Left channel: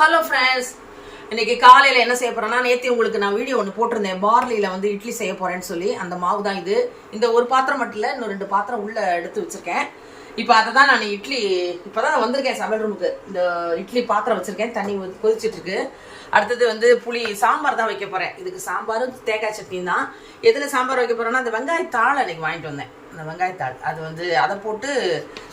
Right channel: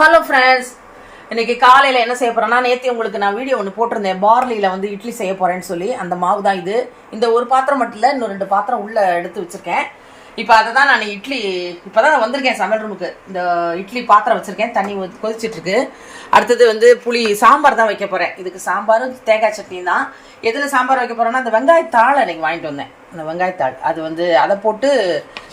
Hello friends, இன்னைக்கு காலையில் என்ன செய்ய போறேன்னா, நேற்று உங்களுக்கு நான் வீடியோ ஒன்று போட்டிருந்தேன். பார்லியில் வந்து இட்லி செய்ய போறேன்னு சொல்லி. அந்த மாவு தான் இது. இந்த ஒரு பாத்திரம் மட்டும் இல்லை, இன்னும் 2 பாத்திரம் உள்ள எடுத்து வச்சிருக்கேன். இப்போ அதை தான் நான் இட்லி இப்போதான் நான் வந்திருக்கேன் சமையல் ரூமுக்கு. இந்த இட்லி பாத்திரம் வச்சிருக்கேன், தண்ணி கொதிச்சிட்டு இருக்கு. அடுத்தது வந்து புளி சாம்பார் தான் வைக்க போறேன். இதுக்கு சாம்பாரும் தேங்காய் சட்னி தான். எதில் சாம்பார் வைக்க போறேன்னா, அந்த வெங்காயத்தாள் எனக்கு வாங்கிட்டு வந்தேன். அந்த வெங்காயத்தாள் அது வந்து அதை போட்டு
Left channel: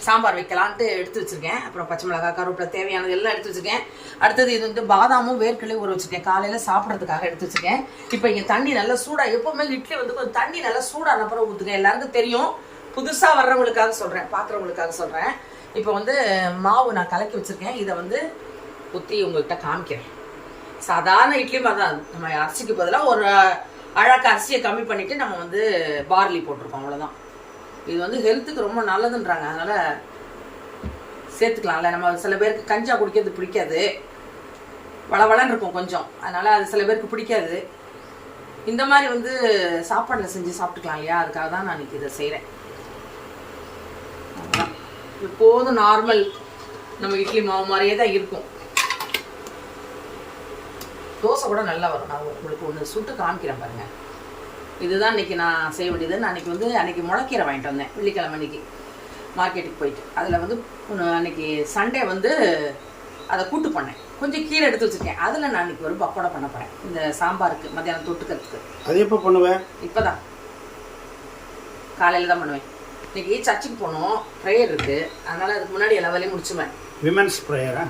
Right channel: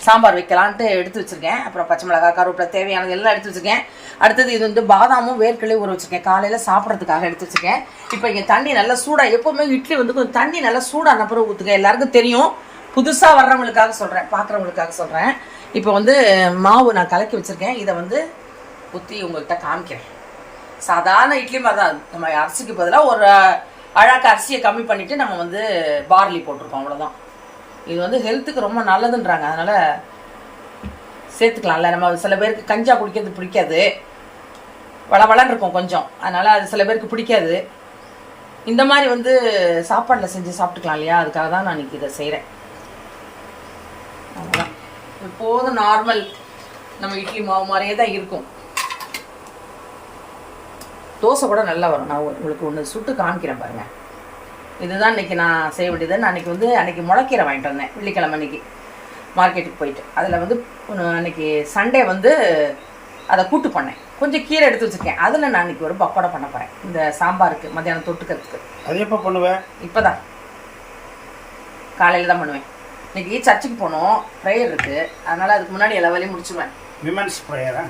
சாம்பார் வைக்கலான்ட்டு எடுத்து வச்சிருக்கேன். அப்புறம் பச்சை மிளகாய், கருவேப்பிலை, தேவையானது எல்லாம் எடுத்து வச்சிருக்கேன். அடுத்தது இது வந்து பாதாமும் வேர்க்கடலையும் ஊற வச்சிருக்கேன், காலையில் சாப்பிட்றதுக்காக எடுத்து வச்சிருக்கேன். இப்போ இங்கே தண்ணி நல்லா சூடாக, எப்போவுமே இட்லி வந்து கொஞ்சம் தண்ணி நல்லா சூடான அப்புறம் ஊற்றுங்க. எல்லாருக்கும் தெரியும், புதுசாக வர்றவங்களுக்காக சொல்கிறேன், பார்க்குறவங்களுக்காக சொல்கிறேன். இப்போ வந்து மாவு நான் கலக்கி வச்சுருக்கேன். இதை வந்து ஊற்றி உங்கள்கிட்ட காமிக்கிறேன். சாதாரண இட்லி மாதிரி தான். நம்ம அரிசிக்கு பதிலாக ஒரு அழகாக அரிசியை கம்மி பண்ணிவிட்டு நம்ம வந்து பார்லி போட்டிருக்கோம், அவ்வளோதான். இது வந்து ஹெல்த்துக்கு ரொம்ப நல்லதுன்றாங்க, அதனால் சேர்த்துக்கலாம்ல. நம்ம சில பேருக்கு கஞ்சா குடிக்கிறது பிடிக்காது, வளவளன்னு இருக்கும் கொஞ்சம், அதனால் அது சில பேருக்கு பிடிக்காது. இந்த மாதிரி வந்து சாப்பாட்டில் செஞ்சு சாப்பிட்டுக்கலாம் இல்லையா, அதுக்காக தான் நான் இன்னைக்கு இதை செய்கிறேன். இப்போதும் நார்மல் நம்ம இட்லி மாவு மாதிரியே தான் இருக்கும். தோசை கூட நல்லா வரும். நான் உங்களுக்கு ஒன்று சுட்டு காமிக்கிறேன் பாருங்க. இதுதான் இன்னைக்கு நான் செய்ய வேண்டியது. நான் அன்னைக்கு முளைக்கீரை வாங்கிட்டு வந்தேன், வெள்ளிக்கிழமை அன்னைக்கு மார்க்கெட்டுக்கு போயிட்டு. அதில் வந்து அன்னைக்கு சண்டே வந்து அதை கூட்டு பண்ணேன். கொஞ்சம் கீரை எடுத்து வச்சுருக்கேன். அதில் நான் அன்றைக்கி ஒரு பக்கோடா பண்ண போகிறேன், இந்த சாம்பாருக்கு மத்தியானம் தொட்டுக்கிறதுக்கு. அது எப்போ பண்ணுவேன்? இப்போ தான், காலையில் தான் பண்ணுவேன். இன்றைக்கி சர்ச்சுக்கு போகணும், ப்ரேயர் இருக்குது, அதனால் அதுக்கு முன்னாடி எல்லா வேலையும் முடிச்சுவேன். விமென்ஸ் ப்ரேயரா?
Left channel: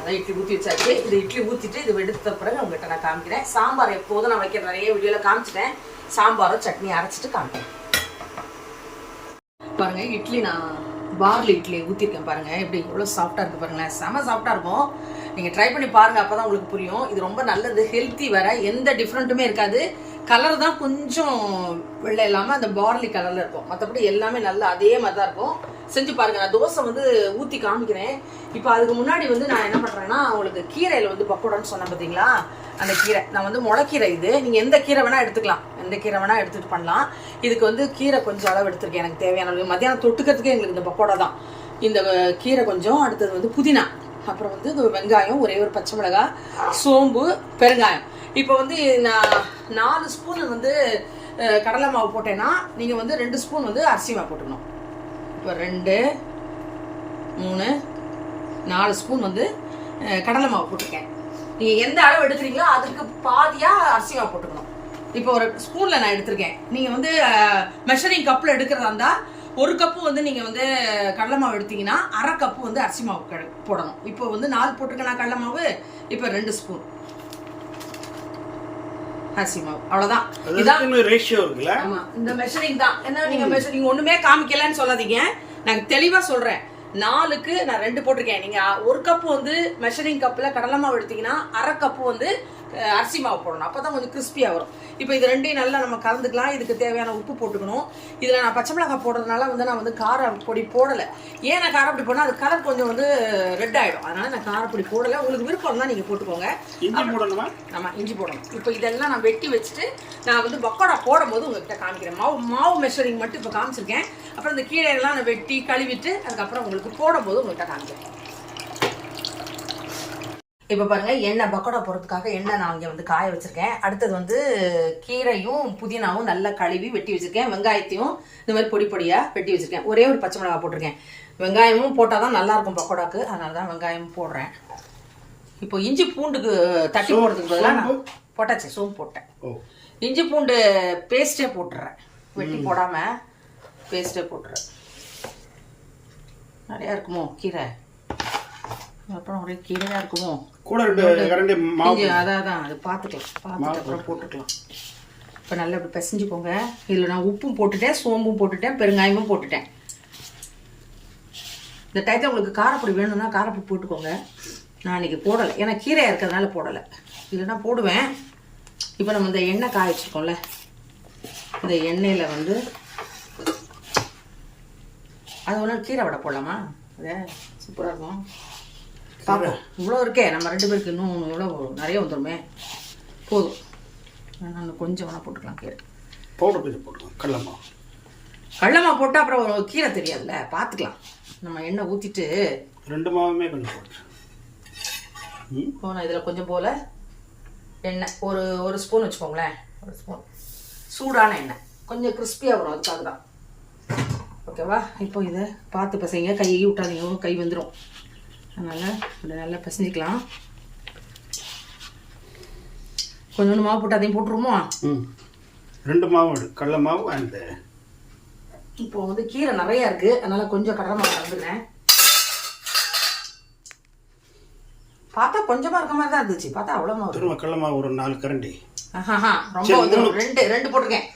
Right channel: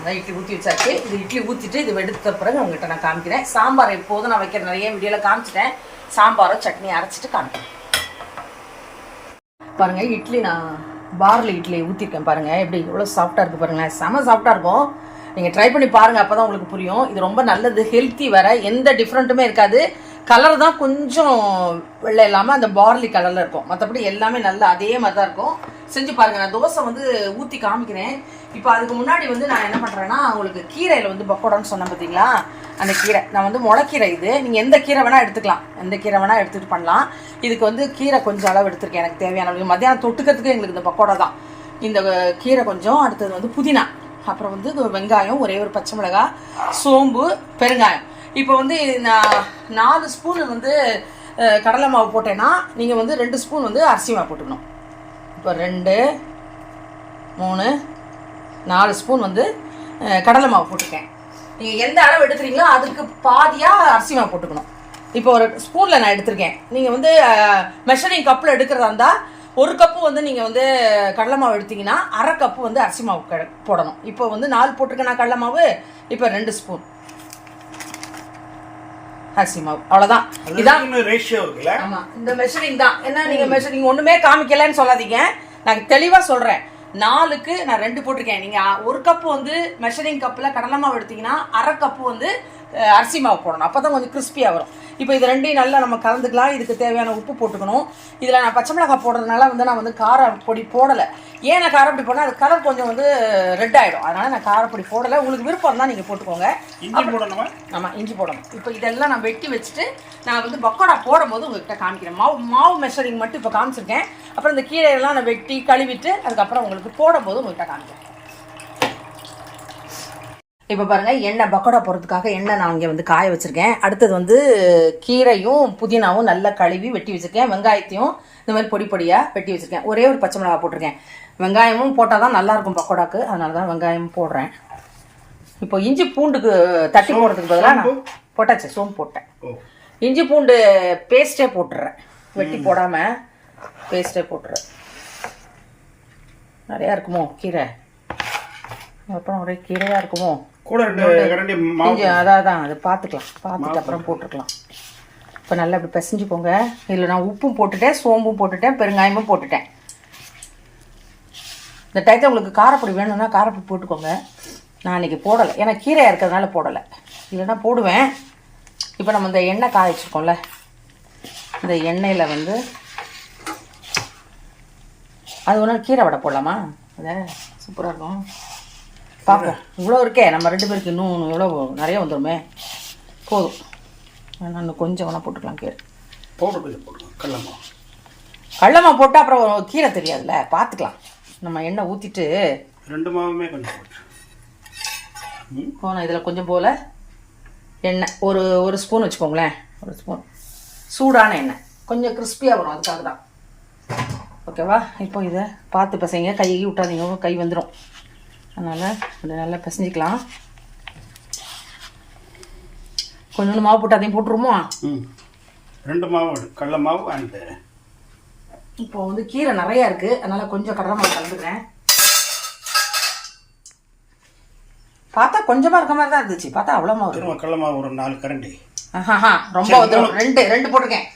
அதான் இட்லி ஊற்றி வச்சாச்சு. இது இட்லி ஊற்றிட்டு இது எடுத்த பிறகு உங்கள்கிட்ட நான் காமிக்கிறேன். சாம்பார் எப்போதும் நான் வைக்கிற நிறைய வீடியோவில் காமிச்சிட்டேன். சாம்பாரும் சட்னி அரைச்சிட்டு காமிக்கிறேன் பாருங்கள். இட்லி நான் பார்லி இட்லி ஊற்றிருக்கேன் பாருங்கள், எப்படி எவ்வளோ சாஃப்டாக இருக்குது பாருங்கள். செம சாஃப்டாக இருக்கும். நீங்கள் ட்ரை பண்ணி பாருங்கள், அப்போ தான் உங்களுக்கு புரியும். இது ரொம்ப நல்லது, ஹெல்த்தி வேறு, எந்த டிஃப்ரெண்ட்டுமே இருக்காது. கலர் தான் கொஞ்சம் வெள்ளை இல்லாமல் அந்த பார்லி கலரில் இருக்கும், மற்றபடி எல்லாமே நல்லா அதே மாதிரி தான் இருக்கும். செஞ்சு பாருங்கள். நான் தோசை வந்து ஊற்றி காமிக்கிறேன். இப்போ அதுக்கு முன்னாடி வந்து நான் என்ன பண்ணுறேன்னா, உங்களுக்கு கீரையில் வந்து பக்கோடான்னு சொன்னேன் பார்த்தீங்களா, அந்த கீரை நான் வந்து முளைக்கீரை. இது நீங்கள் எந்த கீரை வேணால் எடுத்துக்கலாம், எந்த கீரை வேணால் எடுத்துகிட்டு பண்ணலாம். இதுக்கு வந்து கீரை கொஞ்சம் அளவு எடுத்துருக்கேன், எனக்கு தேவையான அளவு. மத்தியானம் தொட்டுக்கிறதுக்கு எங்களுக்கு இந்த பக்கோடா தான். இந்த கீரை கொஞ்சம், அடுத்தது வந்து புதினா, அப்புறம் வந்து வெங்காயம், ஒரே ஒரு பச்சை மிளகாய், சோம்பு, பெருங்காயம். இப்போ வந்து நான் 4 ஸ்பூன் வந்து கடலை மாவு போட்டேன்னா நீங்கள் வந்து 2 ஸ்பூன் வந்து அரிசி மாவு போட்டுக்கணும். இப்போ 2, 3, 4 ஸ்பூன் வந்து கடலை மாவு போட்டிருக்கேன். நீங்கள் எந்த அளவு எடுத்துறீங்களோ அதுக்கு பாதியாக அரிசி மாவு போட்டுக்கணும். இப்போ ஒரு ஸ்பூனில் நான் எடுத்திருக்கேன். நீங்கள் வந்து மெஷரிங் கப்பில் எடுக்கிறதா இருந்தால் 1 கப்பு வந்து நீங்கள் வந்து கடலை மாவு எடுத்தீங்கன்னா 1/2 கப்பு வந்து அரிசி மாவு போடணும். இப்போ வந்து 4 போட்டிருக்கேன் நான் கடலை மாவு. இப்போ 2 ஸ்பூன் அரிசி மாவு, அவ்வளோதான். இதான் ரேஷியோ இருக்குல்ல. ஆமாம், இந்த மெஷரிங் தான். என்ன நீங்கள் மெஷரிங் ஒன்றுமே காமிக்கலன்னு சொல்லாதீங்க, நான் தெளிவாக சொல்கிறேன். 4க்கு நான் 2 போட்டிருக்கேன். நீங்கள் 1 கப்பு வந்து மெஷரிங் கப்பில் கடலை மாவு எடுத்தீங்கன்னா 1/2 கப்பு வந்து அரிசி மாவு போடணும், அப்போ தான் கொஞ்சம் கிறிஸ்பியாக வரும். இப்போ இது ரெண்டையும் நல்லா நம்ம கலந்துக்கலாம். இதுக்கு தேவையான உப்பு போட்டுக்கணும். இதில் நான் பச்சை மிளகாய் போடுறதுனால வந்து நான் வந்து காரப்பொடி போடலை. ஏன் நான் காரப்பொடி போடணும், அது கலர் கொஞ்சம் வந்து ரெட் ஆகிடும், அதனால் நான் காரப்பொடி போடலை. உங்களுக்கு விருப்பம் தான் நீங்கள் போட்டுக்கோங்க. இஞ்சி போடணுமா? ஆமாம், இஞ்சி போடணும். இப்போ இதெல்லாம் நான் வெட்டி வச்சுட்டு நான் வந்து பக்கோடா போடும்போது உங்கள்கிட்ட காமிக்கிறேன். மாவு மெஷரிங் மட்டும் இப்போ காமிச்சிருக்கேன். அப்புறம் இந்த கீரையெல்லாம் நான் வெட்டி கழுவிட்டு அதுக்கப்புறம் உங்களுக்கு போடும்போது உங்கள்கிட்ட காமிக்கிறேன். இப்போ பாருங்கள், எண்ணெய் பக்கோடா போடுறதுக்காக எண்ணெய் நான் இங்கே வந்து காய வச்சுருக்கேன். அடுத்தது வந்து கீரையும் புதினாவும் நல்லா கழுவி வெட்டி வச்சுருக்கேன். வெங்காயத்தையும் இந்த மாதிரி பொடி பொடியாக வெட்டி வச்சுருக்கேன். ஒரே ஒரு பச்சை மிளகா போட்டிருக்கேன். வெங்காயமும் போட்டால் தான் நல்லாயிருக்கும் பக்கோடாக்கு, அதனால தான் வெங்காயமும் போடுறேன். இப்போ இஞ்சி பூண்டுக்கு தட்டி போடுறதுக்கு பதிலாக நான் போட்டாச்சு, சோம்பு போட்டேன். இஞ்சி பூண்டு பேஸ்ட்டே போட்டுடுறேன், வெட்டி போடாமல் பேஸ்ட்டே போட்டுறேன். நிறையா இருக்குமோ கீரை, அப்புறம் ஒரே கீரையாக இருக்குமோ, கூட 2 கரண்டி மாவு. அதான் அது பார்த்துட்டு அப்புறம் போட்டுக்கலாம். இப்போ நல்லா இப்படி பிசைஞ்சுக்கோங்க. இதில் நான் உப்பும் போட்டுட்டேன், சோம்பும் போட்டுட்டேன், பெருங்காயமும் போட்டுட்டேன். இந்த டயத்தில் உங்களுக்கு காரப்பொடி வேணும்னா காரப்பொடி போட்டுக்கோங்க. நான் இன்றைக்கி போடலை, ஏன்னா கீரையாக இருக்கிறதுனால போடலை, இல்லைன்னா போடுவேன். இப்போ நம்ம இந்த எண்ணெய் காய வச்சுருக்கோம்ல, இந்த எண்ணெயில் வந்து அது ஒன்று கீரை வடை போடலாமா? அதை சூப்பராக இருக்கும். பார்ப்போம், இவ்வளோ இருக்கே, நம்ம 2 பேருக்கு இன்னும் இவ்வளோ நிறைய வந்துடுமே. போதும், நான் கொஞ்சம் வேணால் போட்டுக்கலாம். கீரை பவுடர் கொஞ்சம் போட்டுக்கலாம். கடலமா போட்டால் அப்புறம் கீரை தெரியாதுல்ல, பார்த்துக்கலாம். நம்ம எண்ணெய் ஊற்றிட்டு 2 மாவுமே கொஞ்சம் போட்டு நான் இதில் கொஞ்சம் போல் எண்ணெய் ஒரு ஸ்பூன் வச்சுக்கோங்களேன். ஒரு ஸ்பூன் சூடான எண்ணெய், கொஞ்சம் கிறிஸ்பியாக வரும், அதுக்காக தான். ஓகேவா? இப்போ இதை பார்த்து பசங்க, கை விட்டாதீங்க, கை வந்துடும். அதனால் கொஞ்சம் நல்லா பிசைஞ்சிக்கலாம். கொஞ்சோண்டு மாவு போட்டு அதையும் போட்டுருவோமா? 2 மாவு, கடலை மாவு அண்டு. இப்போ வந்து கீரை நிறையா இருக்குது, அதனால் கொஞ்சம் கடலை மாவு கலந்துக்கிறேன். பார்த்தா கொஞ்சமாக இருக்க மாதிரி தான் இருந்துச்சு, பார்த்தா அவ்வளோ மாவு. திரும்ப கடலை மாவு ஒரு 4 கரண்டி. ரொம்ப வந்து ரெண்டு போட்டுருக்கேன்.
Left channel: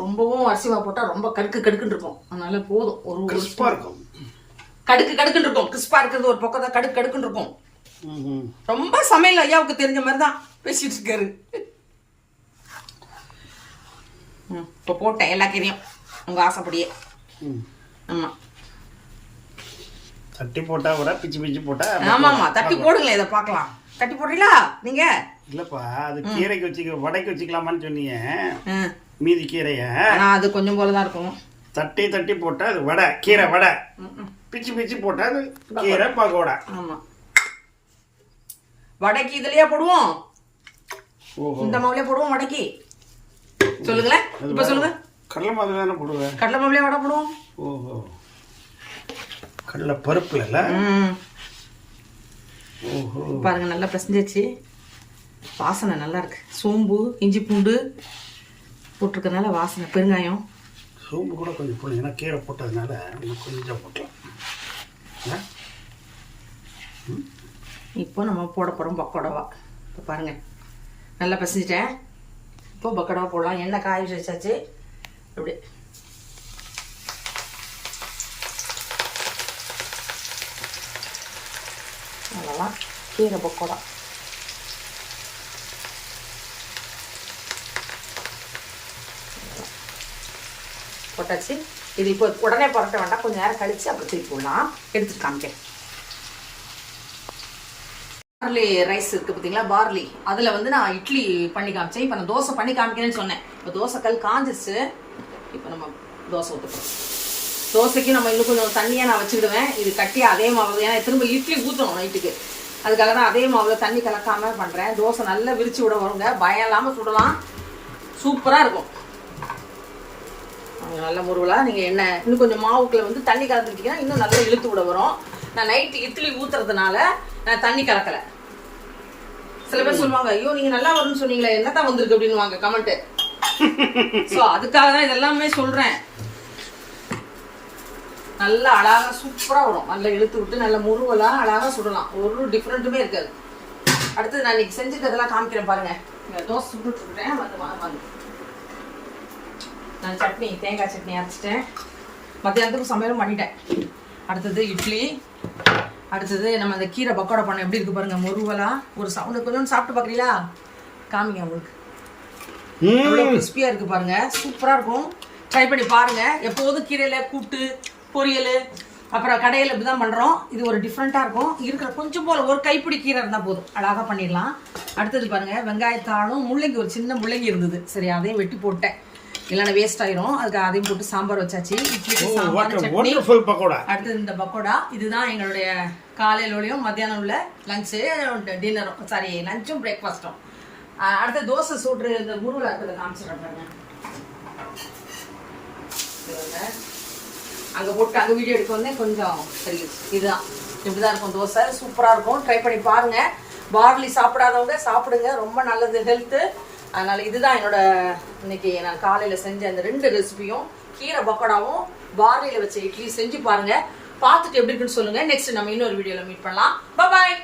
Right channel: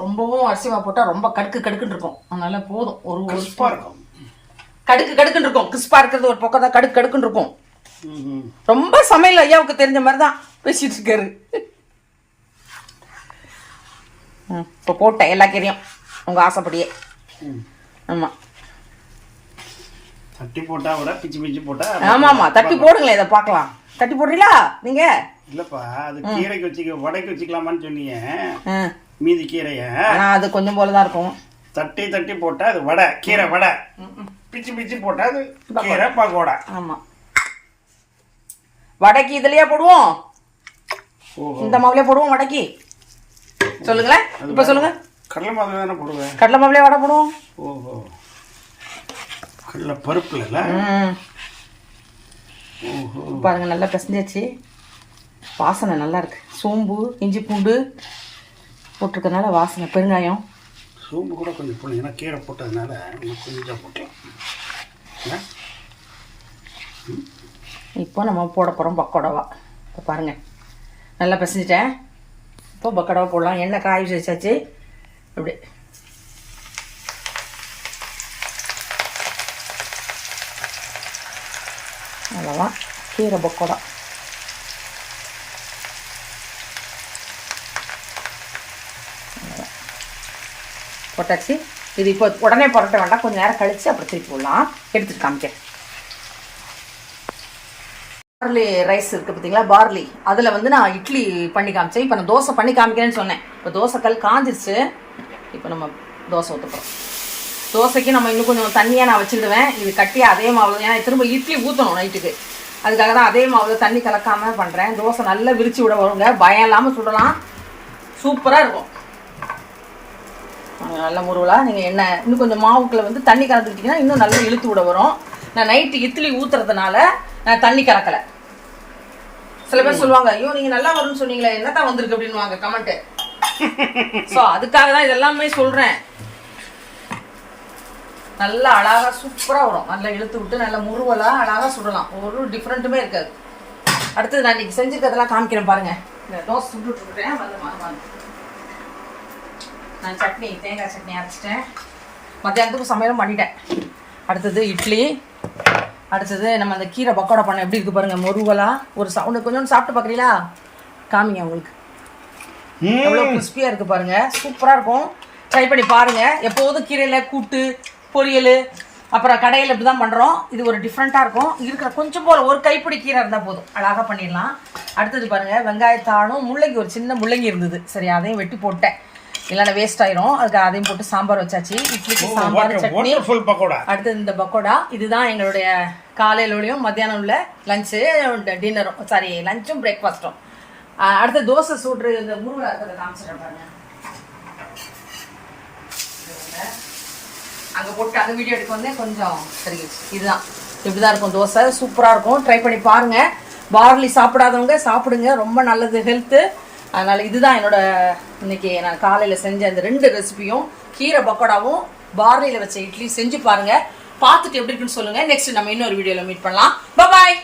ரொம்பவும் அரிசி மாவு போட்டால் ரொம்ப கடுக்குன்னு இருக்கும், அதனால போதும். ஒரு கிறிஸ்பாக இருக்கும், கடுக்குன்னு இருக்கும். கிறிஸ்பாக இருக்கிறது ஒரு பக்கம் தான், கடுக்குன்னு இருக்கும். ரொம்ப சமையல் ஐயாவுக்கு தெரிஞ்ச மாதிரி தான் பேசிட்டு இருக்காரு. இப்போ போட்டேன் எல்லா கீரையும் உங்கள் ஆசைப்படியே. ஆமாம், தட்டி போட்டா விட பிச்சு போட்டா. ஆமாம், தட்டி போடுங்களேன், இதை பார்க்கலாம். தட்டி போடுறீங்களா நீங்கள்? இல்லைப்பா, அது கீரைக்கு வச்சுக்க, வடைக்கு வச்சுக்கலாமான்னு சொன்னீங்க. மீதி கீரைய அது கொஞ்சம் போல தான் இருக்கும். தட்டி போட்டா அது வடை, கீரை வடை. பிச்சு போட்டா அது கீரை பகோடா. ஆமாம், வடைக்கு இதுலயே போடுவோம், இந்த மாவுலயே போடுவோம் வடைக்கு. சொல்லுங்களேன், இப்ப சொல்லுங்க. கடலை மாவுல தானே போடுவேன். கடலை மாவுலயே வடை போடுவோம். ஓஹோ, கடலை பருப்புல இல்ல. ஓஹோ, பாருங்க நல்லா பிசைஞ்சாச்சு, வாசனை நல்லா இருக்கு. சோம்பு, இஞ்சி பூண்டு போட்டிருக்கனால வாசனை. பெருங்காயம், சோம்பு கூட கொஞ்சம் போடலாம், ஏன்னா கீரை போட்டதுனால கொஞ்சம் போட்டலாம். இப்போ நம்ம போட போகிறோம் பக்கோடாவா. இப்போ பாருங்கள் நல்லா பிசைஞ்சிட்டேன். இப்போ பக்கோடாவை போடலாம். எண்ணெய் காய வச்சாச்சு. இப்படி அவ்வளோதான் கீரை பக்கோடா. போட்டாச்சு. இது இப்போ உடனே போட்ட வேண்டாம், கொஞ்சம் நேரம் கழித்து அப்புறம் தூக்கி போடலாம். எடுத்துட்டு காமிக்கிறேன். பார்லி ரைஸ் இருக்குது பார்த்தீங்களா, பார்லி, அதில் வந்து நான் இட்லி பண்ணி காமிச்சேன். இப்போ நான் தோசை பண்ணி காமிக்கிறேன்னு சொன்னேன். இப்போ தோசை கல் காஞ்சிருச்சு. இப்போ நம்ம தோசை ஊற்றுக்கிறோம். தோசைக்கு நம்ம இன்னும் கொஞ்சம் தண்ணியாக நான் வச்சுருவேன். இது கட்டியாக அதே மாவில், ஏன்னா திரும்ப இட்லி ஊற்றணும் நைட்டுக்கு, அதுக்காக தான் அதே மாவில் தண்ணி கலக்காமல் பண்ணுறேன். தோசை நல்லா விரிச்சு விட வருங்க, பயம் இல்லாமல் சுடலாம், சூப்பராக இருக்கும். நல்ல முருவலாக நீங்கள் எண்ணெய் இன்னும் கொஞ்சம் மாவுக்குள்ள வந்து தண்ணி கலந்துக்கிட்டிங்கன்னா இன்னும் நல்லா இழுத்து விட வரும். நான் நைட்டு இட்லி ஊற்றுறதுனால நான் தண்ணி கலக்கலை. சில பேர் சொல்லுவாங்க, ஐயோ நீங்கள் நல்லா வரும்னு சொன்னீங்களே, என்னத்தான் வந்திருக்கு அப்படின்னு வாங்க கமெண்ட்டு. ஸோ அதுக்காக தான் இதெல்லாமே சொல்கிறேன். நல்லா அழகாக சூப்பராக வரும், நல்லா இழுத்து விட்டு நல்லா முருவலாக அழகாக சுடலாம், ஒரு டிஃப்ரெண்ட்டுமே இருக்காது. அடுத்தது நான் இன்னைக்கு செஞ்சுருக்கிறதெல்லாம் காமிக்கிறேன் பாருங்கள். இந்த தோசை சுட்டுட்ருக்கேன். நான் சட்னி, தேங்காய் சட்னி அரைச்சிட்டேன். மத்தியானத்துக்கும் சமையலும் பண்ணிட்டேன். அடுத்தது இட்லி. அடுத்தது நம்ம அந்த கீரை பக்கோடா பண்ண எப்படி இருக்குது பாருங்கள், முருவலாக. ஒரு சவுண்டு கொஞ்சம் சாப்பிட்டு பார்க்குறீங்களா? காமிங்க உங்களுக்கு. எவ்வளோ கிறிஸ்பியாக இருக்குது பாருங்கள், சூப்பராக இருக்கும். ட்ரை பண்ணி பாருங்கள். எப்போதும் கீரையில் கூட்டு, பொரியல், அப்புறம் கடையில் இப்படி தான் பண்ணுறோம். இது ஒரு டிஃப்ரெண்ட்டாக இருக்கும். இருக்கிற கொஞ்சம் போல் ஒரு கைப்பிடி கீரை இருந்தால் போதும், அழகாக பண்ணிடலாம். அடுத்தது பாருங்கள், வெங்காயத்தாளும் முள்ளங்கி, ஒரு சின்ன முள்ளங்கி இருந்தது, சரி அதையும் வெட்டி போட்டேன், இல்லைன்னா வேஸ்ட் ஆயிரும். அதுக்கு அதையும் போட்டு சாம்பார் வச்சாச்சு. இட்லிக்கு சாம்பார், சட்னி. அடுத்தது இந்த பக்கோடா. இதுதான் எங்களுடைய காலையிலோடையும் மத்தியானம் உள்ள லஞ்சு, டின்னரும், சாரி லஞ்சும் பிரேக்ஃபாஸ்ட்டும். அடுத்து தோசை சூட்ரு இந்த முருகலா இருக்கிறத காமிச்சிடுறேன் பாருங்க. அங்கே போட்டு அங்கே வீடியோ எடுக்க வந்தேன், கொஞ்சம் தெரியுது. இதுதான் இப்படிதான் இருக்கும் தோசை, சூப்பராக இருக்கும். ட்ரை பண்ணி பாருங்க. பார்லி சாப்பிடாதவங்க சாப்பிடுங்க, ரொம்ப நல்லது ஹெல்த்து. அதனால இதுதான் என்னோட இன்னைக்கு நான் காலையில் செஞ்ச இந்த 2 ரெசிபியும், கீரை பக்கோடாவும் பார்லியில் வச்ச இட்லி செஞ்சு பாருங்க. பார்த்துட்டு எப்படி இருக்குன்னு சொல்லுங்க. நெக்ஸ்ட் நம்ம இன்னொரு வீடியோவில் மீட் பண்ணலாம். பாய்.